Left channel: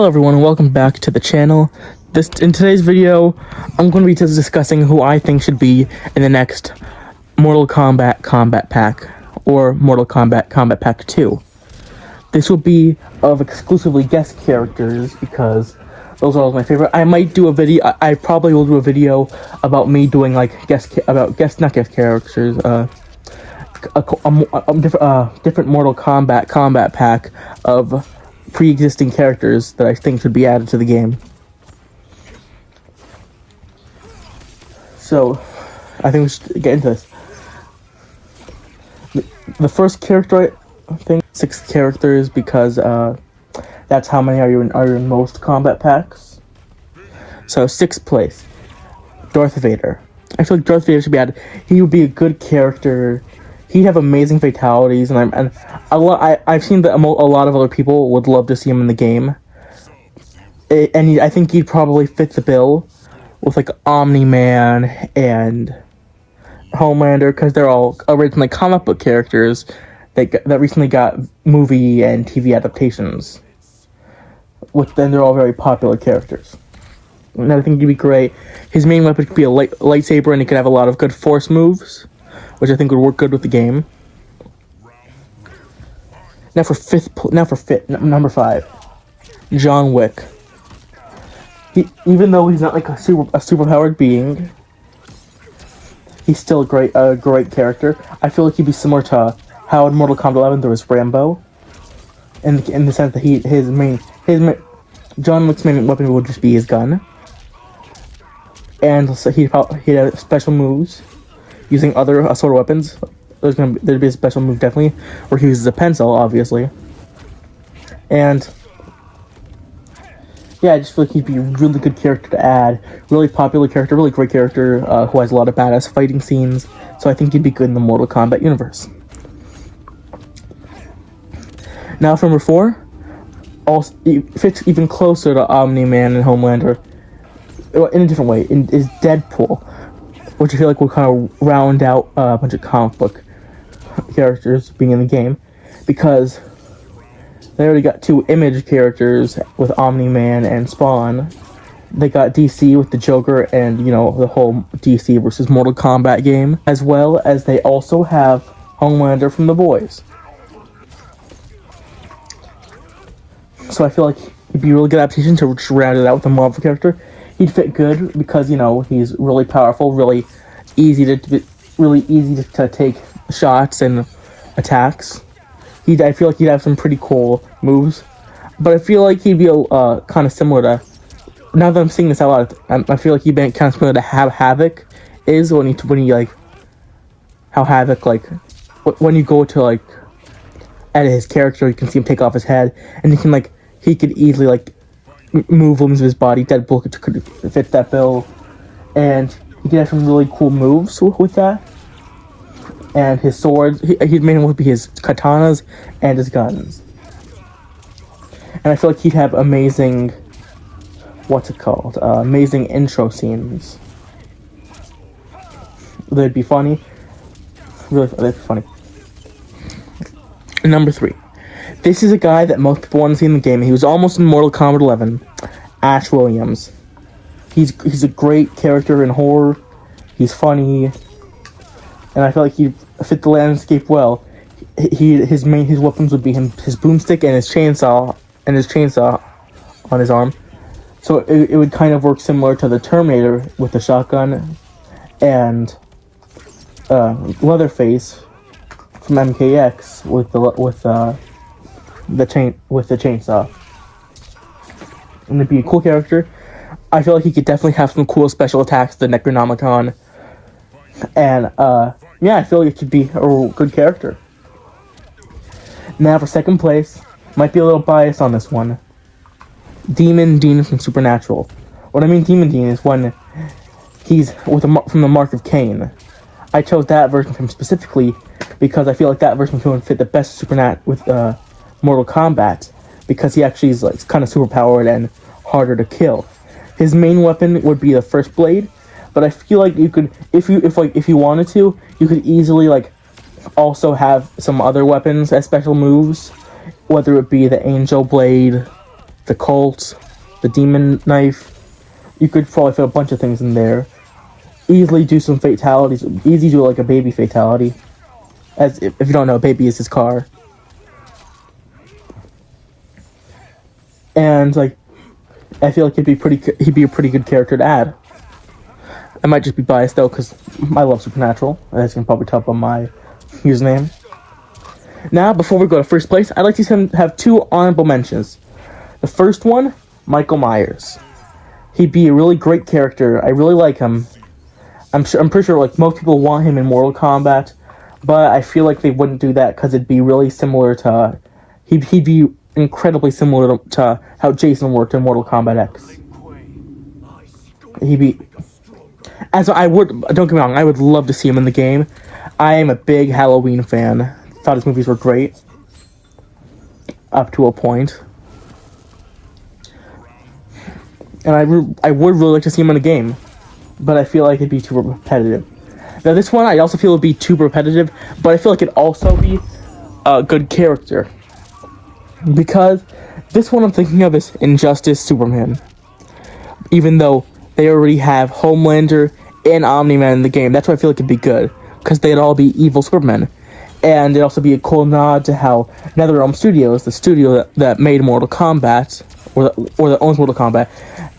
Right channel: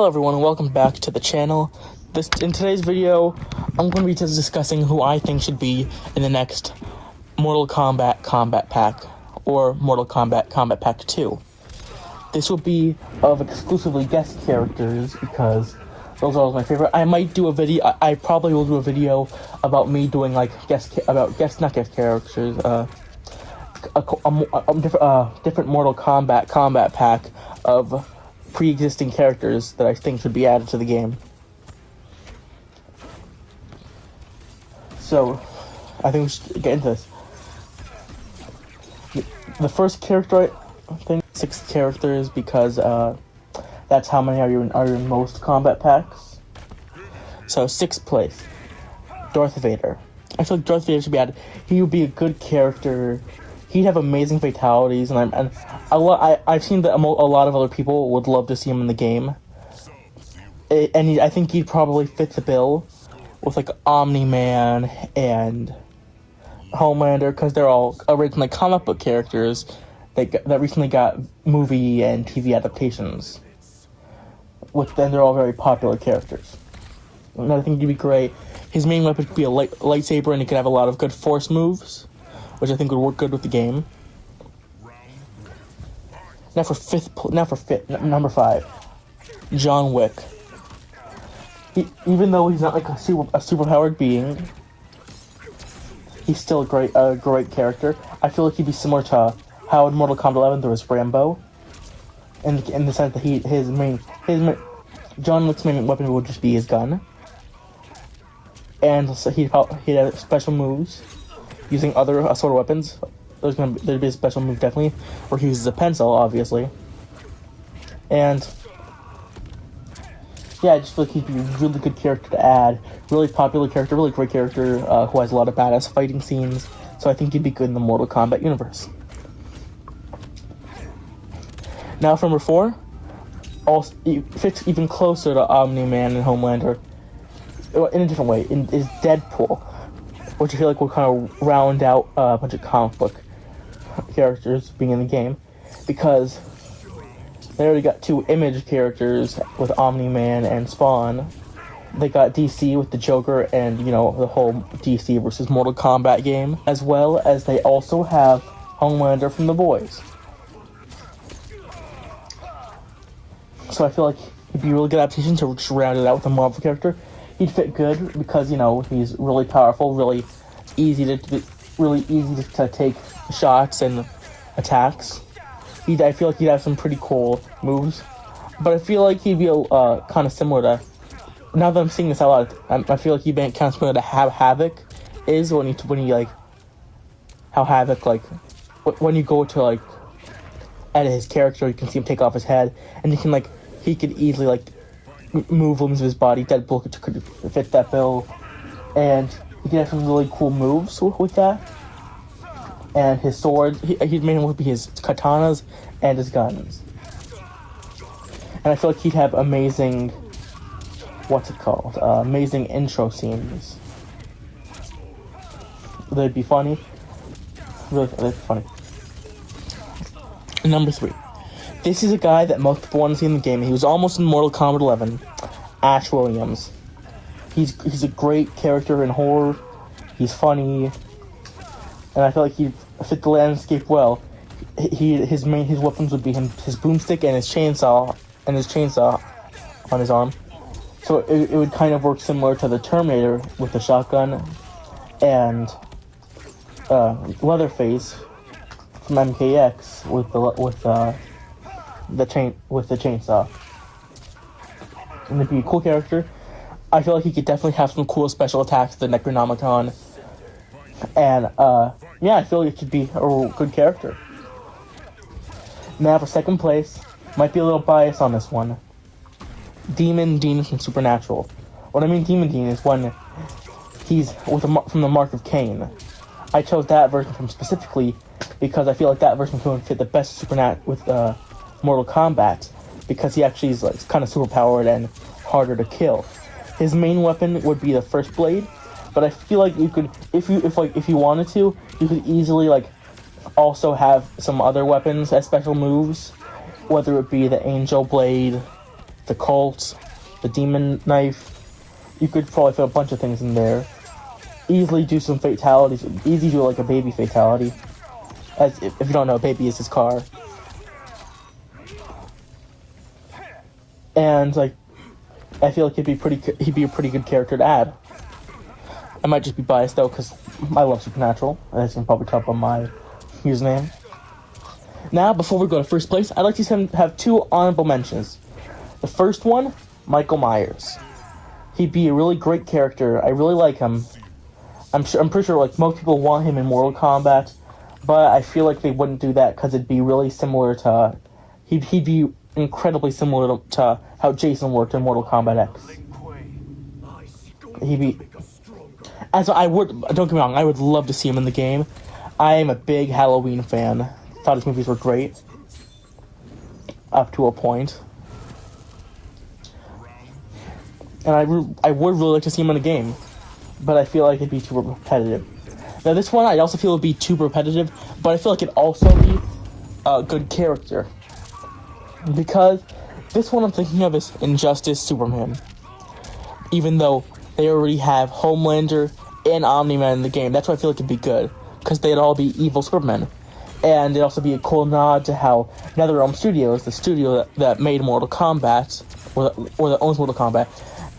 Hello everyone and welcome back to the channel. In today's video, I'm going to be discussing who I think should be in the next Mortal Kombat Combat Pack, or Mortal Kombat Combat Pack 2. This will be of exclusively guest characters because those are all my favorite. I might do a video, I probably will do a video about me doing like not guest characters, different Mortal Kombat Combat Pack of pre-existing characters that I think should be added to the game. So, I think we should get into this. The first character, I think, 6 characters because that's how many are in most combat packs. So 6th place, Darth Vader. I feel like Darth Vader should be added. He would be a good character. He'd have amazing fatalities, and I've seen that a lot of other people would love to see him in the game. I think he'd probably fit the bill with like Omni-Man and Homelander, because they're all originally comic book characters that recently got movie and TV adaptations. Then they're all very popular characters. And I think he'd be great. His main weapon could be a lightsaber, and he could have a lot of good force moves, which I think would work good with the game. Number 5, John Wick. Even though he's not like a superpowered being, he's still a great character. I feel like he'd be similar to how in Mortal Kombat 11 there was Rambo, in the sense that John Wick's main weapon would just be his gun, and so he'd have special moves using other assault weapons. There'd be a special move definitely where he uses a pencil, obviously. And yeah, I just feel like he'd be a really good character to add. Really popular character, really great character who has a lot of badass fighting scenes. So I think he'd be good in the Mortal Kombat universe. Now for number 4, he fits even closer to Omni-Man and Homelander in a different way. Is Deadpool, which I feel like will kind of round out a bunch of comic book characters being in the game, because they already got 2 Image characters with Omni-Man and Spawn. They got DC with the Joker and, you know, the whole DC versus Mortal Kombat game, as well as they also have Homelander from The Boys. So I feel like it'd be a really good adaptation to round it out with a Marvel character. He'd fit good because, you know, he's really powerful, really easy to take shots and attacks. I feel like he'd have some pretty cool moves, but I feel like he'd be kind of similar to. Now that I'm saying this out loud, I feel like he'd be kind of similar to how Havoc is when he like how Havoc, like when you go to like edit his character, you can see him take off his head, and he could easily like move limbs of his body. Deadpool could fit that bill, and he could have some really cool moves with that. And his swords, his main one would be his katanas and his guns. And I feel like he'd have amazing, amazing intro scenes. They'd be funny. Really, they'd be funny. Number 3. This is a guy that most people want to see in the game. He was almost in Mortal Kombat 11. Ash Williams. He's a great character in horror. He's funny, and I feel like he'd fit the landscape well. His weapons would be his boomstick and his chainsaw on his arm. So it would kind of work similar to the Terminator with the shotgun, and Leatherface from MK1 with the chainsaw. And it'd be a cool character. I feel like he could definitely have some cool special attacks, the Necronomicon. And, yeah, I feel like it could be a good character. Now for 2nd place, might be a little biased on this one. Demon Dean from Supernatural. What I mean Demon Dean is when he's from the Mark of Cain. I chose that version from specifically because I feel like that version would fit the best with Mortal Kombat, because he actually is like kind of superpowered and harder to kill. His main weapon would be the First Blade, but I feel like you could, if you wanted to, you could easily like also have some other weapons as special moves, whether it be the Angel Blade the Colt, the Demon Knife. You could probably fit a bunch of things in there. Easily do some fatalities. Easy do like a baby fatality. As if you don't know, baby is his car. And like, I feel like he'd be a pretty good character to add. I might just be biased though, because I love Supernatural, as you can probably tell by my username. Now, before we go to first place, I'd like to have 2 honorable mentions. The first one, Michael Myers. He'd be a really great character. I really like him. I'm pretty sure like most people want him in Mortal Kombat, but I feel like they wouldn't do that because it'd be really similar to. He'd be incredibly similar to how Jason worked in Mortal Kombat X. He'd be. Don't get me wrong, I would love to see him in the game. I am a big Halloween fan. Thought his movies were great. Up to a point. And I would really like to see him in a game. But I feel like it'd be too repetitive. Now this one, I also feel it'd be too repetitive, but I feel like it'd also be a good character. Because this one I'm thinking of is Injustice Superman. Even though they already have Homelander and Omni-Man in the game, that's why I feel like it'd be good. Because they'd all be evil Supermen. And it'd also be a cool nod to how NetherRealm Studios, the studio that made Mortal Kombat, or that owns Mortal Kombat,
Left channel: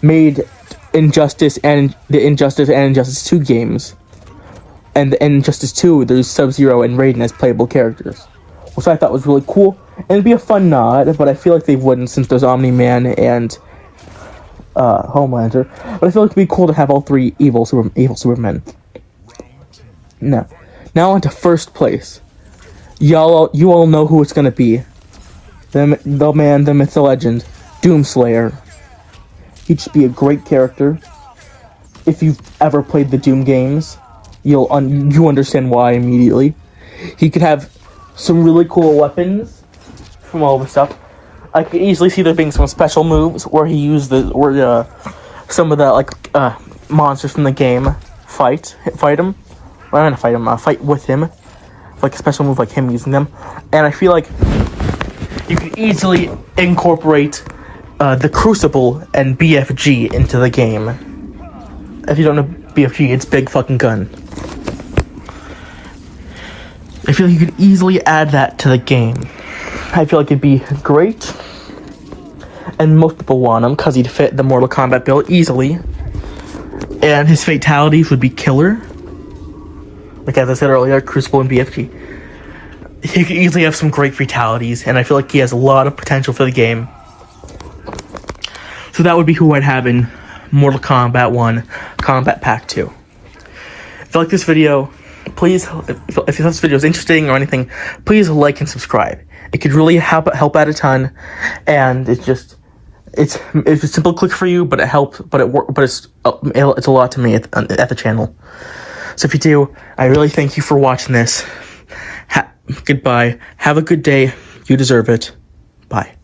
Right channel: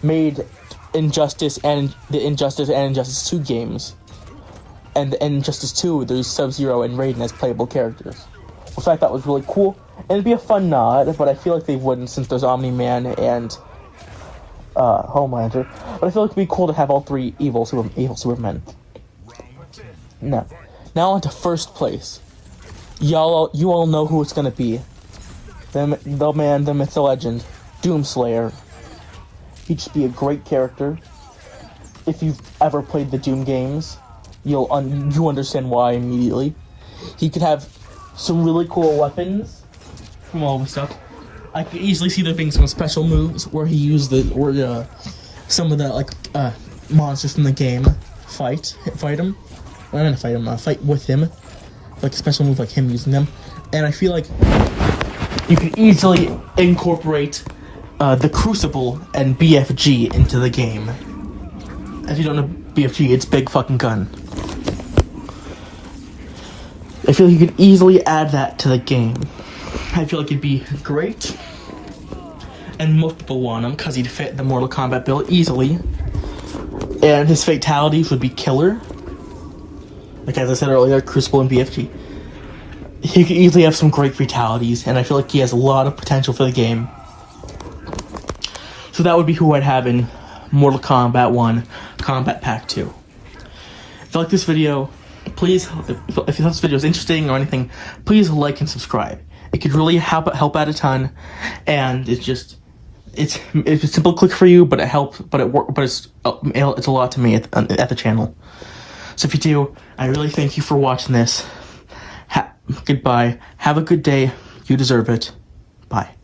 made Injustice and Injustice 2 games. And in Injustice 2, there's Sub-Zero and Raiden as playable characters. Which I thought was really cool. And it'd be a fun nod, but I feel like they wouldn't since there's Omni-Man and Homelander. But I feel like it'd be cool to have all 3 evil Supermen. Now on to first place. You all know who it's gonna be. The man, the myth, the legend, Doomslayer. He'd just be a great character. If you've ever played the Doom games, you understand why immediately. He could have some really cool weapons from all the stuff. I could easily see there being some special moves where he used some of the monsters from the game fight him. Well, I'm gonna fight him. Fight with him, like a special move, like him using them. And I feel like you can easily incorporate the Crucible and BFG into the game. If you don't know BFG, it's Big Fucking Gun. I feel like you could easily add that to the game. I feel like it'd be great. And most people want him because he'd fit the Mortal Kombat bill easily. And his fatalities would be killer. Like as I said earlier, Crucible and BFG. He could easily have some great fatalities, and I feel like he has a lot of potential for the game. So that would be who I'd have in Mortal Kombat 1, Combat Pack 2. If you like this video, please, if you thought this video is interesting or anything, please like and subscribe. It could really help out a ton, and it's a simple click for you, but it helps, it's a lot to me at the channel. So if you do, I really thank you for watching this. Goodbye. Have a good day. You deserve it. Bye.